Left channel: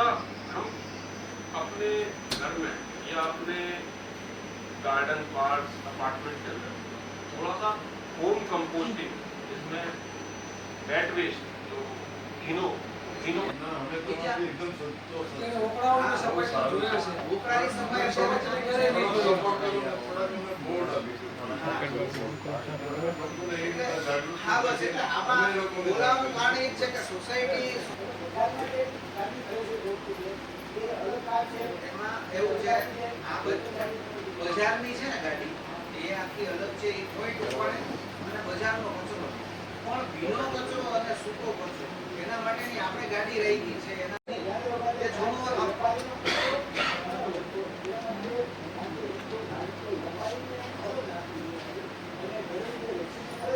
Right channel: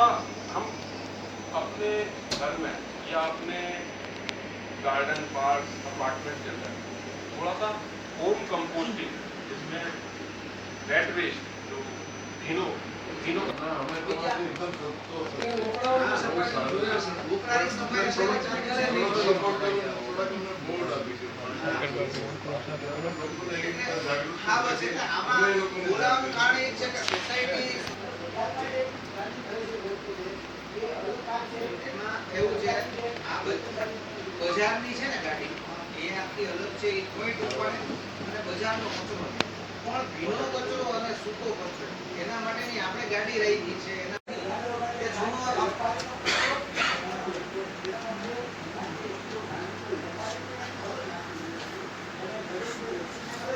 सा हम अपने घर में या अपने गार्डन पार्क अपार्टमेंट के अंदर थोड़ा सा होम कंपोस्टिंग जिसमें वेट वेस्ट जो भीनो भीनो બજારની છે ને ગાડી એ આખી અલગ છે એ કોઈ ટોપાણે અને બજારનો કચરો પણ ભીનો કચરો અને સૂકો કચરો એના માટેની આપણે ગાડી રાખી છે એના એ છોડો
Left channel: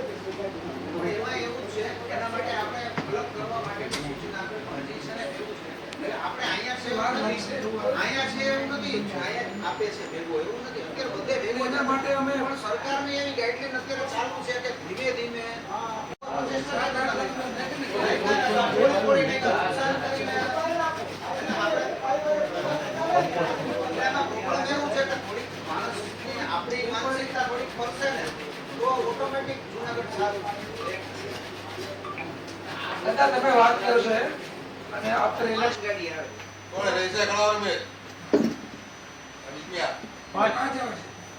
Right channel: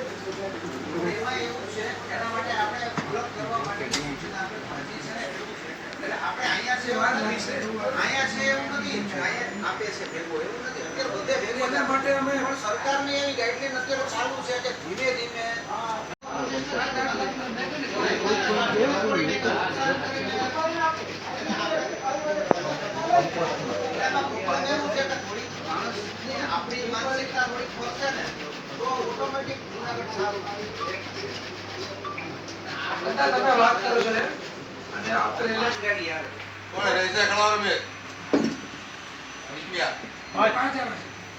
એમાં એવું છે એના માટે આપણે અલગ કરવા માટે આપણે પહોંચી છે ને એવું છે એટલે આપણે અહીંયા છે અહીંયા છે એવું નથી અહીંયા આપે છે ભેગો એવું નથી અત્યારે બધે ભેગો એના માટે અમે પણ સરકારની એવી ગાઈડલાઈન અત્યારે ચાલુ છે કે ધીમે ધીમે આપણી માનસિકતા થોડીક ફરશે ને તો ઓટોમેટિક જુનાગઢ સારું તમે વાત કરો છો અને આપણે ગાડી આવે कौन है ऐसे खड़ा और में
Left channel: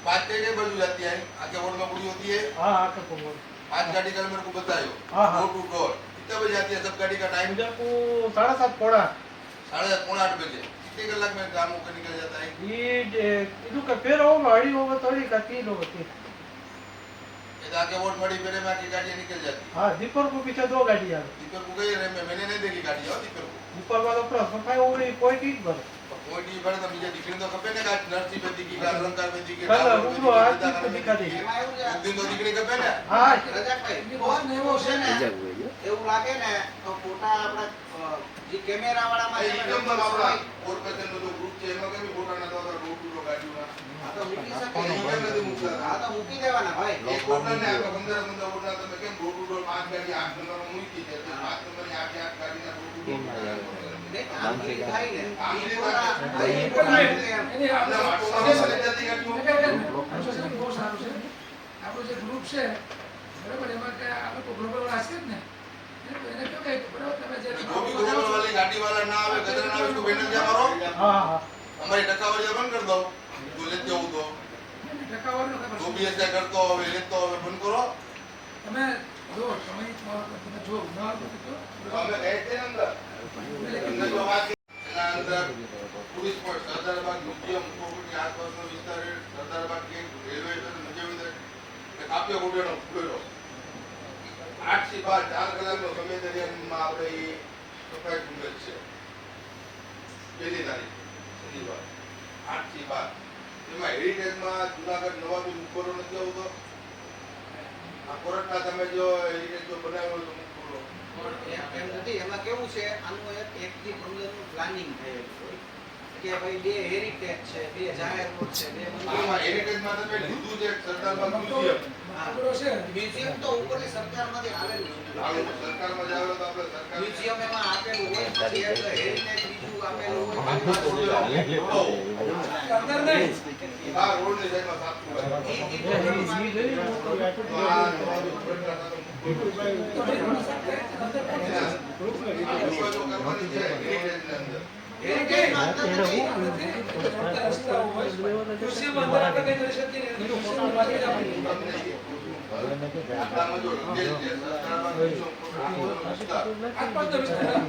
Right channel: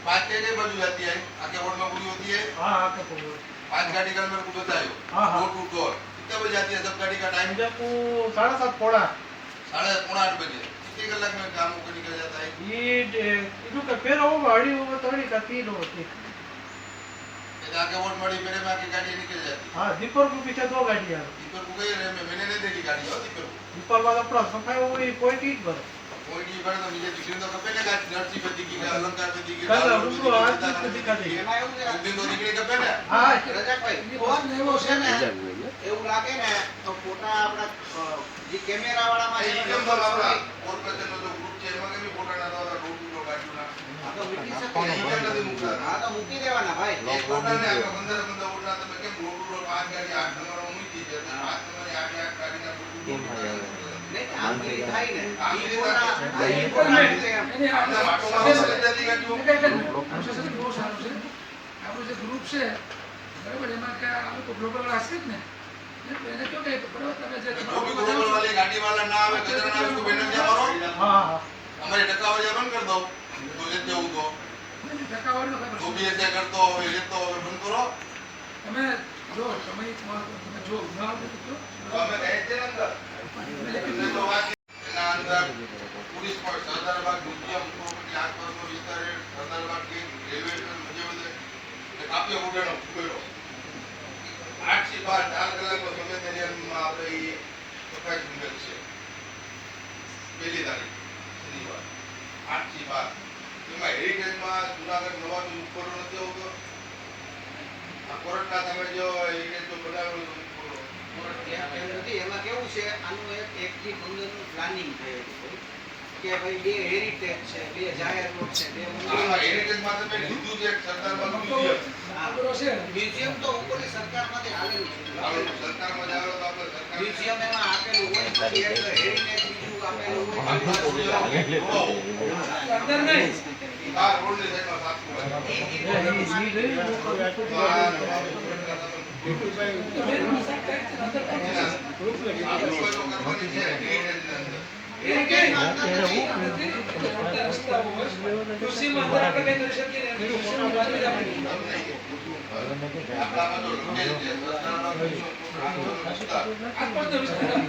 पाँच के बजू जाती है आगे बोर्ड में पूरी होती है हाँ आके बोल 5 गाड़ी का मेरे को बताइयो हाँ, हाँ। डोर टू डोर कितने बजे जाती है सब गाड़ी का टाइम मुझे को 7:30 पौड़ा 7:30 बजे कितने कलाक में काम को निकल जाता है ये इनु के पेर हो गाड़ी हो थोड़ी का 3 होती ये आगे बोर्ड मड़ी मेरे में आके गाड़ी निकल जाती हाँ दीपर को पीछे 2 गाड़ी आ है दीपर को गई रे मैंने नहीं देखी गाड़ी हो दीपर को दीपर वाला पूरा सफाई हो गई कोई ठीक भर कोई नहीं बड़ा तो मुझे दिखने तो कपे ने का नर्सी पे दिखी का अलंकार पे दिखी कल वो आज तो दिखा दे એમાં એવું છે दिन तो दिखने कपे ने हाँ રજાકભાઈ ફોન એવો છે ને એવું લાગે ને તો ફોટા આપણા જે કેમેરા વાળામાં ये છે ને नंबर आपका और कचन में जो ग्रुप છે એમાં કે ફોટા ના તો ડોર ટુ ડોર ગાડીના તો મૂકી શકે કોણ નથી મૂકતા હા તો મૂકી દેવાના ભાઈ એક ઓટલા ને આપણે 15 15 ઓટલા તમે કેમ ડોર ટુ ડોર 5 ગાડી 8 નંબર માં મૂકી દે 5 નંબર ની 8 ગાડીના ડોર ટુ ડોર નહીં આમ બી થાય ને આમ ઈ બી ફોટા થાય. ઈ ફોટા મૂકે એમ. એની આપણે આપણે વાટોમાં લઈ જતી ગાડીઓ પ્રોસેસિંગ બહુ સારું છે આપણું જે ગ્રુપ છે બરાબર એમાં કે આ લોકો ગ્લોબલ હશે જ ને એને કયો કે બરાબર તમે જે जो भी ग्लोबल वाले गाड़ी वाला ना आवे कचरा ना आवे तो बैनर क्या मारो हाँ हाँ हमारी टक्कावारी बंद कर दो तो लेते हो तो ટકાવારીનો ખબર जो भी ऐसे करते हो लेते हो बंद करो તમે જો તમે તમે જો ના તો तो हमें रहते हैं अंदर अंदर तो बात ना अंदर पुलिस पर सरदारबाग म्यूजियम प्रोपर्टी आसपास में विस्तार है सरदारबाग के रेलवे स्टेशन मुझे भी काफी उड़ानो करो 8 થી 12 4 કલાકનો સમય દરમિયાનમાં આપણે એ સફાઈ નિકલ છે પહેલી તારીખ શનિવાર 8 થી 12 એમાં હેરિટેજમાં જુનાગઢ નવાજુ ઉપર નથી આવતો આ કોરટના તમે જો હેરિટેજ જો બનાવ્યો તો બોલો એમ નથી એમાં કેવું છે આનું એક થી 15 નું પ્લાનિંગ થયેલું હોય કે ભાઈ બે હેરિટેજ છે બે જાહેર રોડ છે બે મંદિરો આ છે હેરિટેજમાં તમે લીધું છે એક સરદારબાગ મ્યુઝિયમ ખબરો છે મ્યુઝિયમ તો ઉપરની સરકારમાંથી આવેલું છે આવે સરકારમાં જાવ તો આપણે સરકાર મ્યુઝિયમ એમાં આપેલું હોય પછી એક હેરિટેજ બીજું આપેલું હોય અંદર નહીં આ રોડની સાઈડમાં સાચું હોય તો આ તમારું કોરટના તમે આ લોકો જો કરવાની છે હેરિટેજની અંદર હેરિટેજમાં અંદર નથી. કૃષિમાં અંદર આપણે કંઈ કરી શકીએ નહીં કૃષિમાં બાજુ જ આપણે આપણામાં જો લંગેજ છે સરદારબાગ મ્યુઝિયમ વિસ્તાર આસપાસ તો વિસ્તાર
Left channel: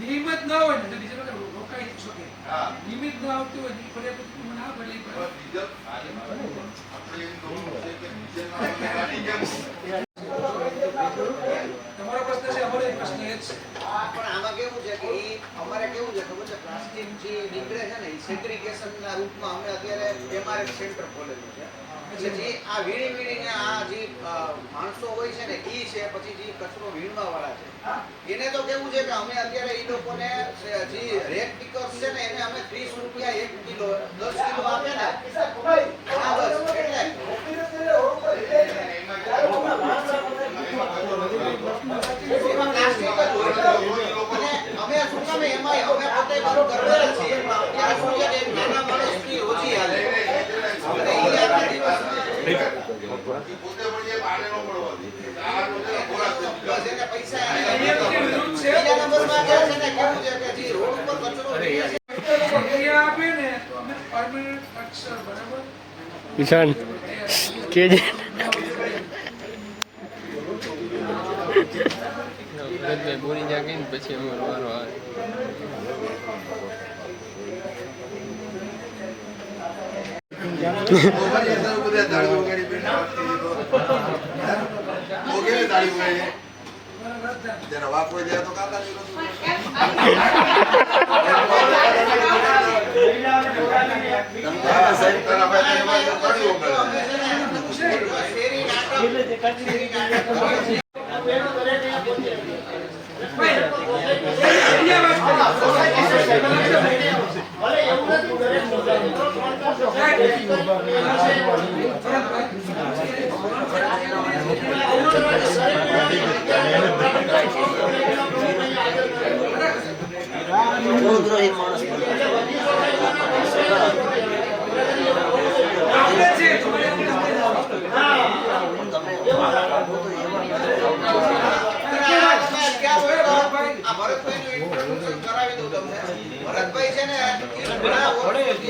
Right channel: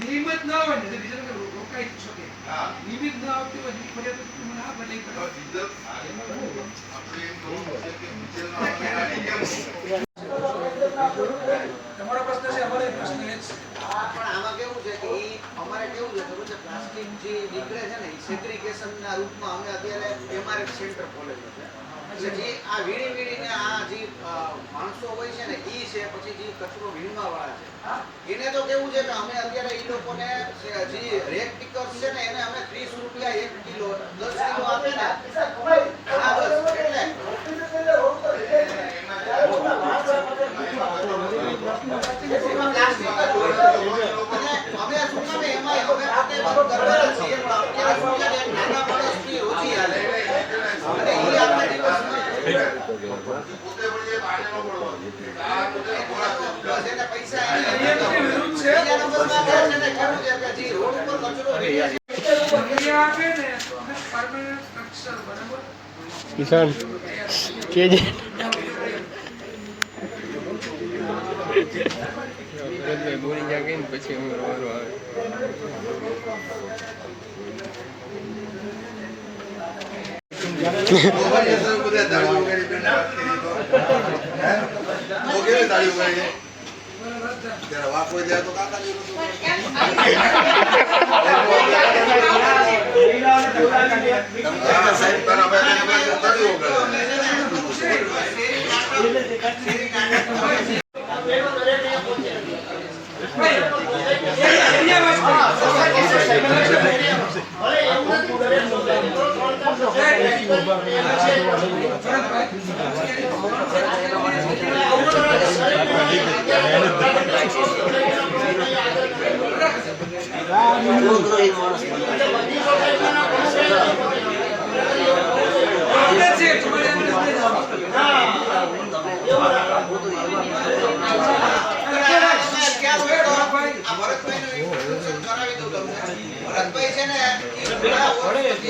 નિયમિત ના હોય ને ડીઝલ રોકાઈ શકે હા. નિયમિત ન આવતી હોય એની ફરિયાદ મને આ ભલે ડીઝલ આપણે એમ જોવાનું છે કે ડીઝલનો અમે ગાડી કેમ તમારો પ્રશ્ન છે અમારો પ્રશ્ન એ જ છે. પણ આમાં કેવું છે કે ઈ અમારે કેવું છે ખબર છે, પ્લાસ્ટિક જે નીકળે છે ને એ સેગ્રીગેશનના રૂપમાં અમે અત્યારે એમઆરએફ સેન્ટર ખોલેલું છે. એટલે જે આ વીણીને આ જે માણસો હોય છે ને ઈ છે, પછી જે કચરો વીણવા વાળા છે એને તો કેવું છે કે અમે અત્યારે ઈ લોકોને જે રેક પિકર્સ છે ને એને અમે 30 રૂપિયા 1 કિલો 10 કિલો આપે ને હા બસ અમે શું કામે એમાં અમે પોતે બંધ કરવાના છીએ, પણ અત્યારે શું છે કે નાના માણસની ઓછી હાલે અને ઈ આખા દિવસમાં પોતે પણ જે બહાર નો પડવો આ પોતે બસ એને પૈસા બીજા નંબરમાં કે છે ને કેવું છે કે જે રોડ ઉપર કચરો વીણે છે ફરિયાદ આપે ને તો અમે પરમેનન્ટ સ્ટ્રક્ચર બરાબર ઈશાન કેજે બોલી જાગે ને પછી અમારો વારો આવે ભરતભાઈ છે ને ઈ ઘણા વર્ષ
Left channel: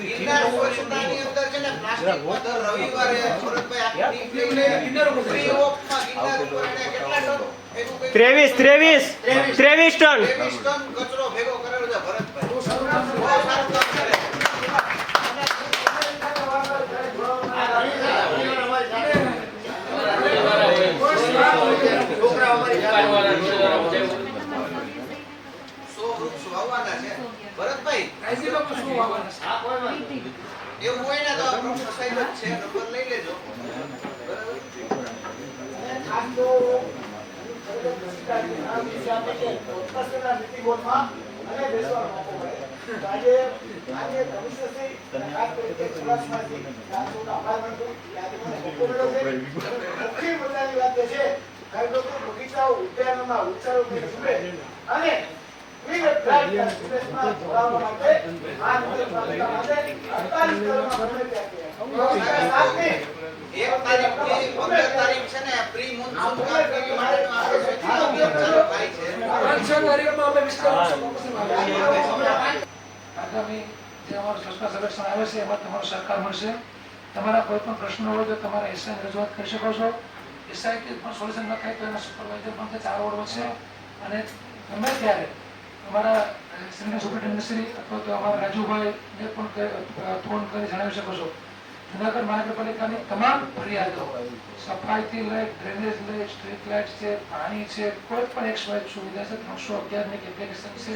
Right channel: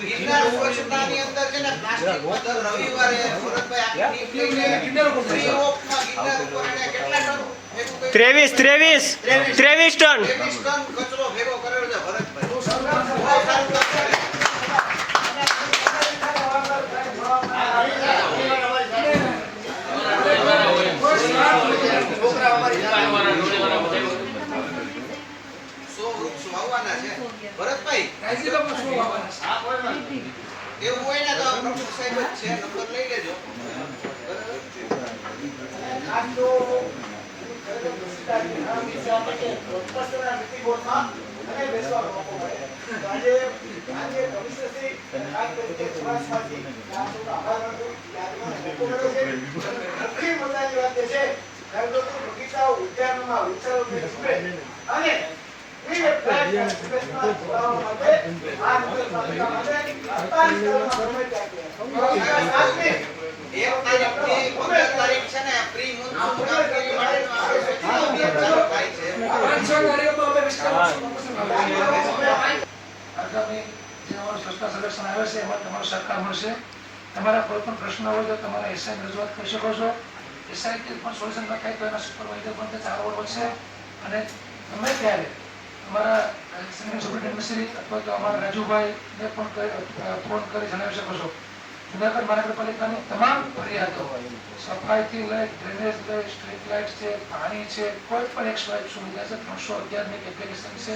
ગિરનાર સ્વચ્છતાની અંદર છે ને પ્લાસ્ટિક પર દર રવિવારે ભરતભાઈ આખી ટીમ લઈને ફ્રી ઓફમાં ગિરનાર ઉપર એને કેટલા ટન 23 ટન 23 ટન કચરો ભેગો કરેલો છે ભરતભાઈ. બહુ સારું કામ કરે. ભરતભાઈ કાયદેસર શું વાવવાના છે? એવું હોય ને તો પ્રમુખ સાહેબ જ છે, નંબર લઈ લેજો. એક તારીખથી 15 તારીખ છે ને પ્રી મોન્સૂન કામગીરી માટેનો આપણે સ્વચ્છતા અભિયાન ચાલુ થાય છે. 5-6 વારીઓમાં અમે આગામી જે અમારું સ્વચ્છતા સર્વેક્ષણ આવે છે એમાં તમારો સહકાર મળશે. તમારા કોઈ પણ પ્રશ્નો હોય તો તમારા એસઆઈ રજૂઆત કરી શકો છો. એસઆઈ પણ સોલ્યુશન ન થાય તો એના સુપરવાઇઝર પણ 4 ઓવર વધશે અને ગમે ત્યારે અમારા સિનિયર સુપરિન્ટેન્ડન્ટ શ્રી અથવા તો અમારા રાજુભાઈને પણ ફોન કરી જણાવી શકો છો. જુનાગઢ મહાનગરપાલિકાની તમામ ફરિયાદો સફાઈથી લઈ ડ્રેનેજ લઈ સ્ટ્રીટ લાઇટ છે, પાણી છે, કોઈ પણ એક સ્વાઇપ સુવિધા છે 311 ની એપ્લિકેશન છે.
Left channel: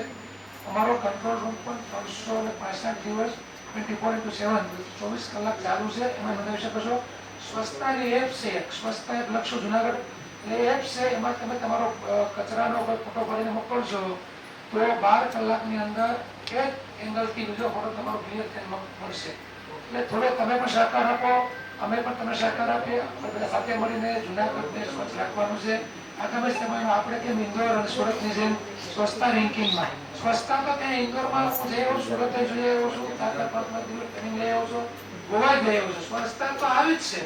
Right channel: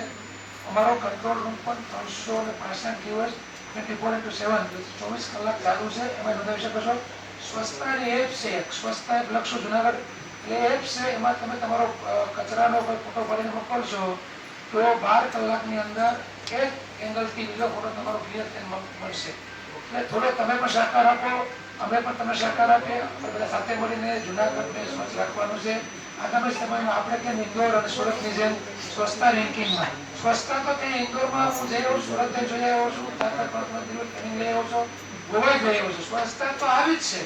અમારો કંટ્રોલ રૂમ પણ 365 દિવસ 24/7 24 કલાક ચાલુ છે. એમાં નોંધાવી શકો છો. સ્વચ્છતાની એપ છે, સ્વચ્છતા લખશો જુનાગઢ એટલે એપ છે, એમાં તમે તમારો કચરાનો કોઈ ફોટો ભરીને મોકલશો તો 12 કલાકની અંદર એક એંગલથી બીજો ફોટો તમારો ક્લિયર થઈને મળશે. એટલે થોડો તમે પણ સહકાર આપો, અમે પણ તમને સહકાર આપીએ. આપણે બધા સાથે મળીને જુનાગઢને સ્વચ્છ રાખવાનું છે. આગામી સમયમાં આપણે કેમ ઇન્દોર અને સુરતની જેમ સ્વચ્છતા રેન્કિંગમાં સ્વચ્છતા તો ત્યાં ઇન્દોરમાં જઈ આવ્યો, સુરતે જઈ આવ્યો છું, ટ્રેનિંગ લઈ આવ્યો છું, ગોવા જઈ આવ્યો છું. સ્વચ્છતા તો આવી જ છે,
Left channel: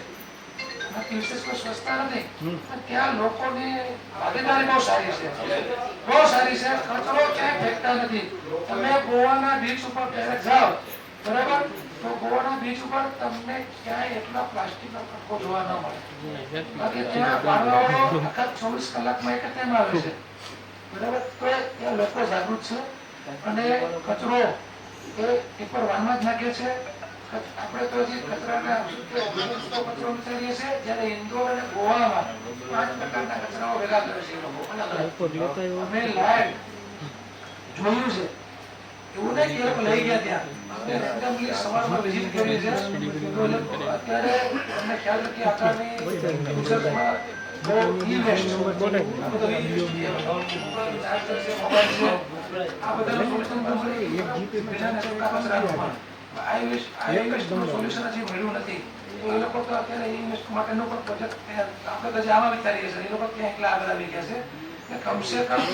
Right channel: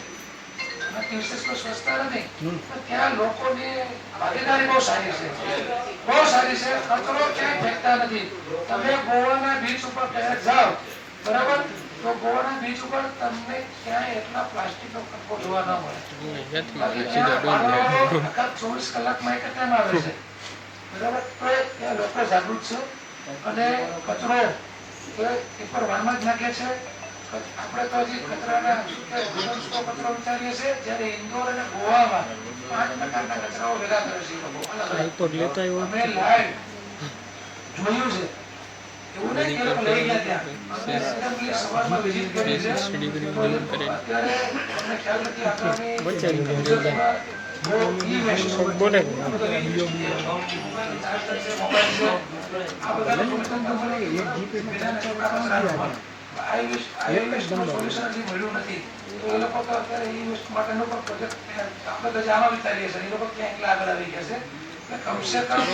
નથી વિશેષ કોઈ સ્વચ્છતા નથી, પણ ત્યાં લોકોની ભાગીદારી બહુ સારી છે, બહુ સારી છે. કચરો ક્યાંય ફેંકતા નથી. તમે ગોવાના બીચ ઉપર ક્યારેક જાઓ બરાબર, તો ગોવાના બીચ ઉપર તમને ક્યાંય એટલા પ્લાસ્ટિકનો કચરો જોવા ન મળે. 24 કલાકમાં એક ટાઈમ આવે છે બરાબર. તો ત્યાં લોકો જાગૃત છે. અને કચરો એ પેપર વાનમાં જ નાખે છે. આપણે તો હજી કચરાના દિવસનો કચરો વિચારીએ છીએ, જ્યારે ઇન્દોર અને ગોવામાં 5 પ્રકારના કચરાઓ ભેગા કરે છે એ લોકો અલગ અલગ. અમે લાઈવ જોયું છે. એવું નહીં કે એ લોકો લઈ ગયા ત્યાં. અમે randomly સવારમાં visit કરી છે. તો અત્યારે અમને ખ્યાલ નથી આગામી ગુજરાતમાં બહુ e-waste છે. આ બધા ચાર્જર છે, મોબાઈલ છે, આ બધાનું solution પણ બધાને કચરામાં. i-waste નું solution હજી મળ્યું નથી. તો એ લોકો તો અત્યારે e-waste માટેનો પણ પ્રોજેક્ટ આપણે તો આમાં વિચારીએ છીએ. એ લોકો ત્યાં એકલા આગળ આવી ગયા છે. કમસે કમ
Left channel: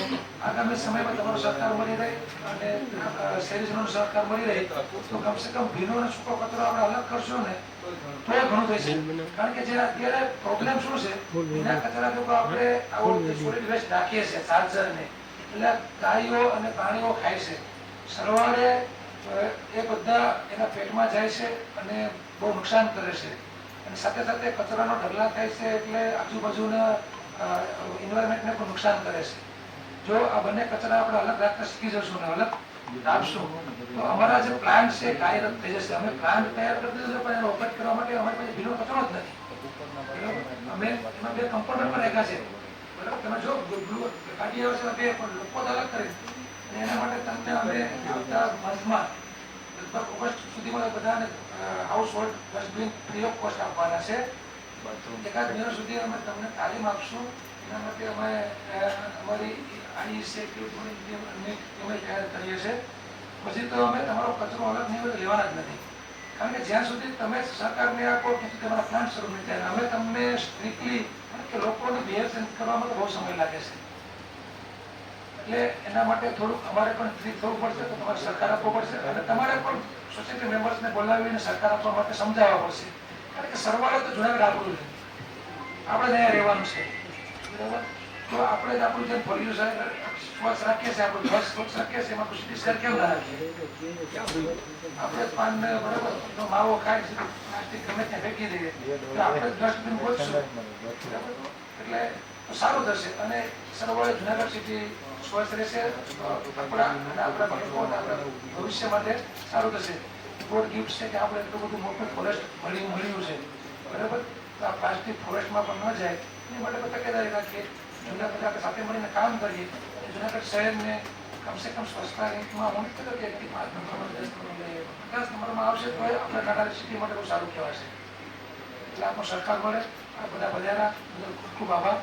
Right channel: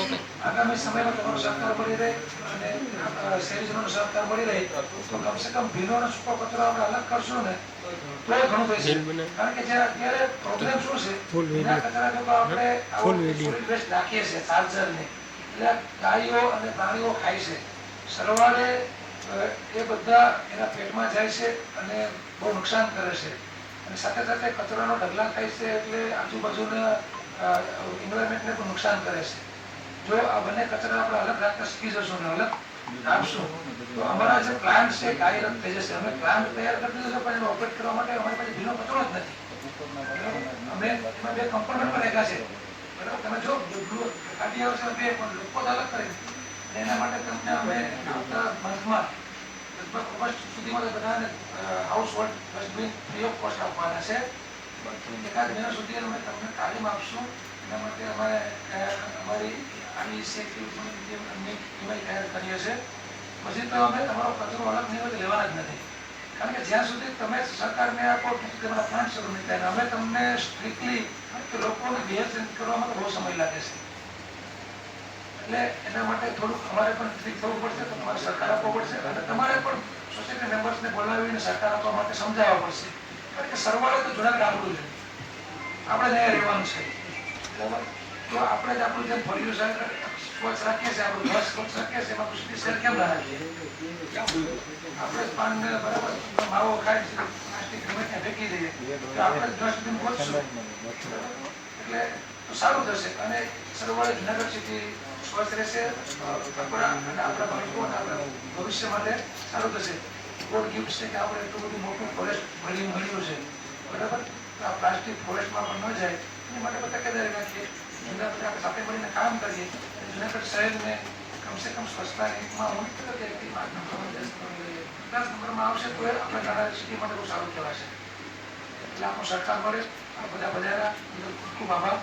આગામી સમયમાં તમારો સહકાર મળી રહે અને શહેરીજનોનો સહકાર મળી રહે તો કમસે કમ ભીનો અને સૂકો કચરો આપણે અલગ કરશું ને તો ઘણું થશે. કારણ કે જે અત્યારે પ્રોબ્લેમ શું છે, એના કચરા લોકો આપણે આવું સોલિડ વેસ્ટ નાખીએ છીએ ચાર્જરને, એટલે ગાયો અને પ્રાણીઓ ખાય છે. સરવાળે એ બધા એના પેટમાં જાય છે અને બહુ નુકસાન કરે છે. અને સાથે સાથે કચરાનો ઢગલા થાય છે એટલે આજુબાજુના એન્વાયરમેન્ટને પણ નુકસાન કરે છે. જો આ બંને કચરા આપણે અલગ રાખતા શીખી જશું અને અલગ રાખશું તો અમારા જે પ્લાન્ટ છે કાર્યરત થઈ જશે. અમે પ્લાન્ટ તૈયાર કરી દીધો પણ એનો ઓપરેટ કરવા માટે અમારી પાસે ભીનો કચરો જ નથી. અમે એમાં 2 કમ્પાઉન્ડર પણ રાખ્યા છે. તમે જો ગાડીઓ છે 2 પણ લોકો અલગ કરી એના માટે તમને અમે મંથમાં લગભગ ઓગસ્ટ સુધીમાં બધાને house hold dustbin free of cost આપવાના છે. 1 મહિના સુધી અમે તમને તાલીમ આપશું. એના માટે અમે અમારી તૈયાર કરીએ છીએ. પછી તો અમે તમારો કચરો અલગ નહીં હોય તો લેવાના જ નથી. કારણ કે જ્યાં સુધી તમે સરકારને આપો ત્યાં સુધી તમારા પ્લાન્ટ શરૂ નહીં થાય. અમે તમને સ્ટ્રિક્ટલી કે લોકોને બિહેવ કરવામાં તો બહુ સમય લાગે છે. એટલે એના માટે થોડુંક અમારે પણ સ્ટ્રિક્ટ થવું પડશે, તમારે સરકાર આપવો પડશે અને તમારે પણ સોસાયટી મેમ્બર્સને બોલાવીને સરકાર આપવા માટે સમજાવવા પડશે. કારણ કે સરવાળે તો જુનાગઢ આપણું છે, આપણે અહીંયા રહેવાનું છે. બરાબર? તો આપણે જ આપણું જે ફળિયું છે સ્વચ્છ રાખીએ છીએ, આપણું ઘર સ્વચ્છ રાખીએ છીએ, એમાં દુષ્ટિ શેર કેમ ના રાખીએ? આપણે પાનને બરાબર માવો ખાય છે, પ્લાસ્ટિક ગમે ત્યાં ફેંકી દઈએ તો આપણે જ ડસ્ટબિન ગોતશું. એટલે સારું થશે અને સરવાળે જુનાગઢ સિટી સ્વચ્છ રહેશે. આપણા અને આપણા બાળકો આપણા ભવિષ્ય માટે સારું થશે. ગોડ ગિફ્ટ છે કે આપણે એટલું બધું મોટું ફોરેસ્ટ મળ્યું છે. બરાબર? તો આ પ્લાસ્ટિક ફોરેસ્ટમાં પણ ન જાય એ માટે બધા તકેદારી રાખીએ. જુનાગઢ આપણે સાથે મળીને કામ કરીએ. જુનાગઢ શહેરને કમસે કમ સ્વચ્છતા રેન્કમાં હું નથી કહેતો કે 5 નંબરમાં 10 નંબર લઈએ, 10 નંબરમાં આવશે તો આપણે નાના સિટી માટે બહુ સારું કહેવાશે. એટલે આપણો સરકાર મળે આ બધા બધાના ખૂબ ખૂબ આભાર.